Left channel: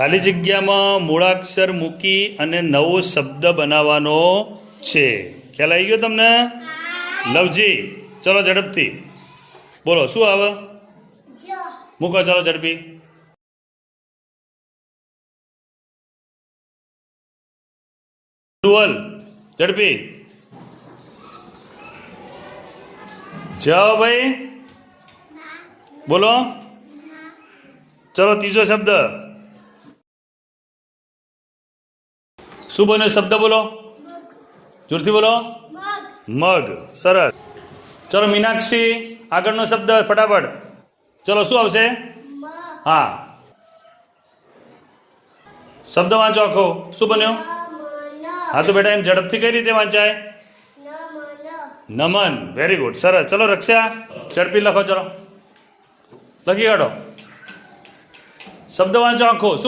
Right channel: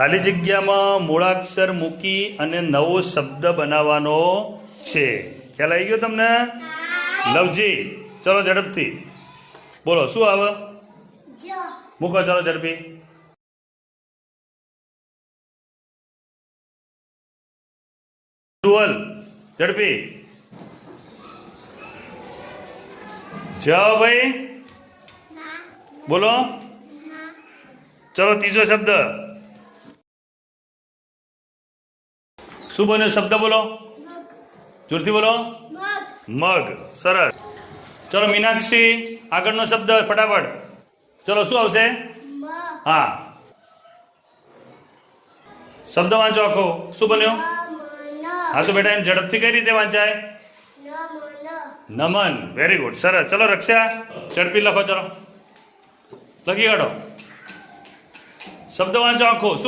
ખાલી જગ્યામાં મૂળાક્ષર મૂકી અને નવો શબ્દ બનાવવાનો છે. ખ્યાલ આવી ગયો તમને? લવજી, ચલો ઝડપથી બોલો શું આવે? મૂકો ચલો ઝડપી. ડુઅલ ઝડપી. જાઓ ભાઈ બોલો. ચલો ત્રીજો શબ્દ શું બન્યો? શબ્દ બોલો, જોરથી બોલો. મગ. સરસ. ચલો મીનાક્ષી, આગળનો શબ્દ ફટાફટ. ચલો શું આવશે? હા, શબ્દ વાંચો આખો. શું બન્યો? હા તો બેટા એને ઝડપથી કઈ રીતે વાંચાય? નમન. વેરી ગુડ, સરસ. ચલો રક્ષા, ઝડપી લખો. ચલો લખી કાઢો. શબ્દ વાંચો આખો.